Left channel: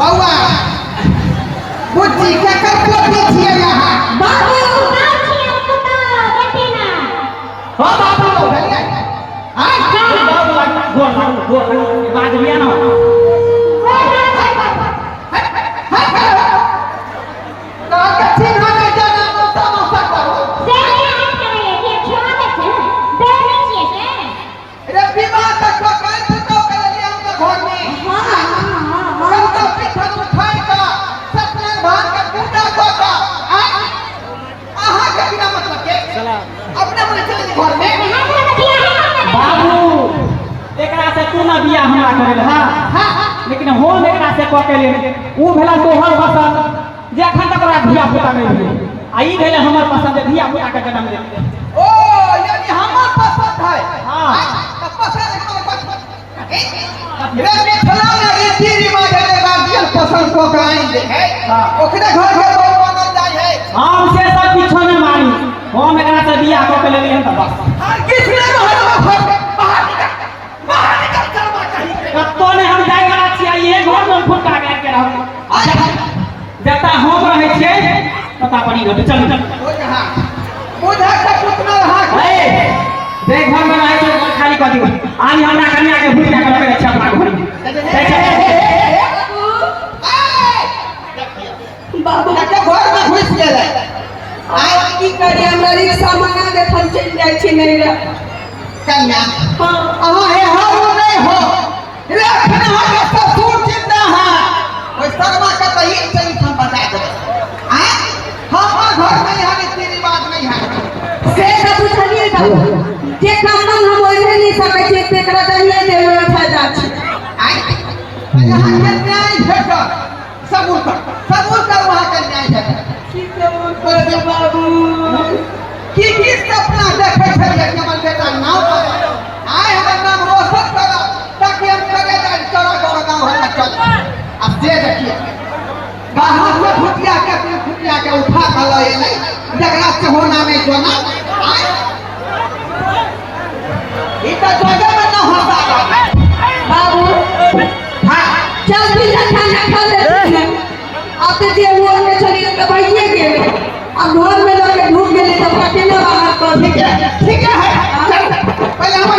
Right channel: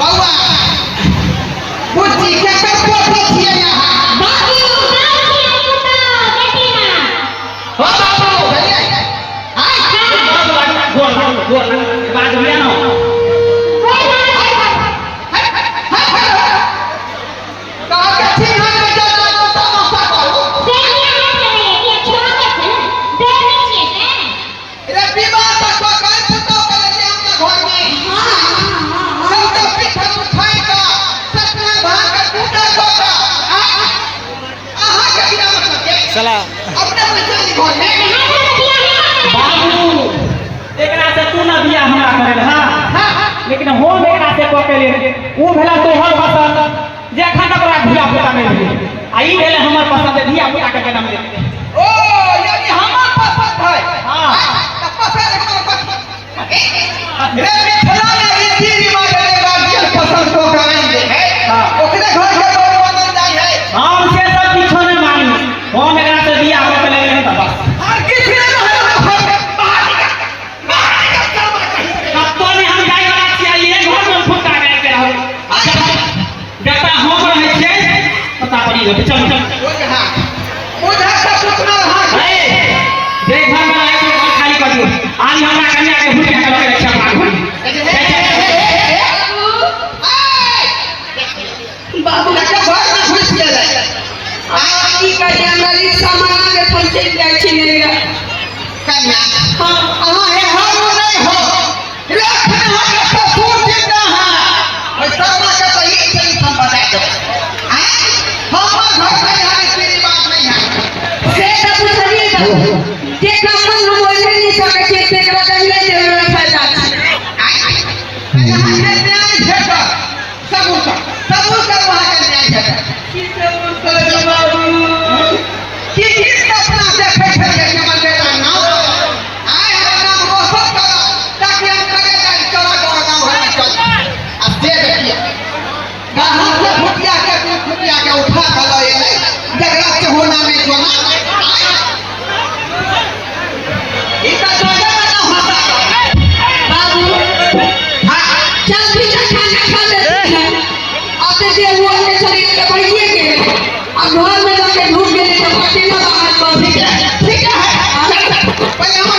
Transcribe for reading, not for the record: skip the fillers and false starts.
बउआ बुच्ची के कर पोते छिए यहाँ बाबू ना छिए पुता बेटी ना हो बाबू भैया हां गोर बात बिया ना बाबू एकरा से तू ना बिया हमरा करे हां लेकिन हम एकरा से क के ले ऊ भेला तोहर पसंद जे एखन तक ओकरा धिया पुता नहीं भेलै आ ई भेले हमर पसंद धिया पुता के जन्म दे ओ यानी हमर पसंद है हां त पसंद हमर पसंद रे मिथिला में रीति रिवाज है गार्जियन पसंद को कराएंगे हां ओकरे घर के लोग बदल जाय है हम से सब किछो नहीं मानी हम एकरा से बिया क के ले त बस और किसी ने बाहर निकल चलवा कहीं अब तो ने हम जाय वाला छियै ये घर में फुटा गया के रहो जता हम रहे छै पता पड़ी गए चल हां मुझे सब उतना हां ए जे घर में रहे छै घर खाली कर दियो आज हमरा कन्या के भूल के लगे अच्छा भाग भई बाबू लगे घर में घुस गेलै आवा की करिया मेरी सामान के फंसे जाय छी नहीं रे कन्या हां अहाँ हे हारो नहीं हो रखना है ससुर जिंदा है ओइ शर्मा का तो ये चली हम बता दो हां हम घर में यहाँ रीति रिवाज नहीं है से सब बुझलिए त जे काम हम ओइ नहीं सकै छी तेकरा कहिए देवे फायदा छै यहाँ के न्याय भेट सबूर का वहाँ का न्याय भेट की सब कर बाबू की किस अपना देखे छै ये हमर बेटा नाम आय हमर नाम रोशन करा ताकि हम करे जाई चला गांव है चल अब दे देखिए बाहर से फुटिया के उठा के लाए जगरा से होना नहीं जोना ई त जोगे में न होता बाबू हां चल भी खाना खा ले आते जे वो के शरीर के बढ़िए गेले आ घर में लोग के ढूंढ गेले तो पति न बाहर कर ठीक है पहले हम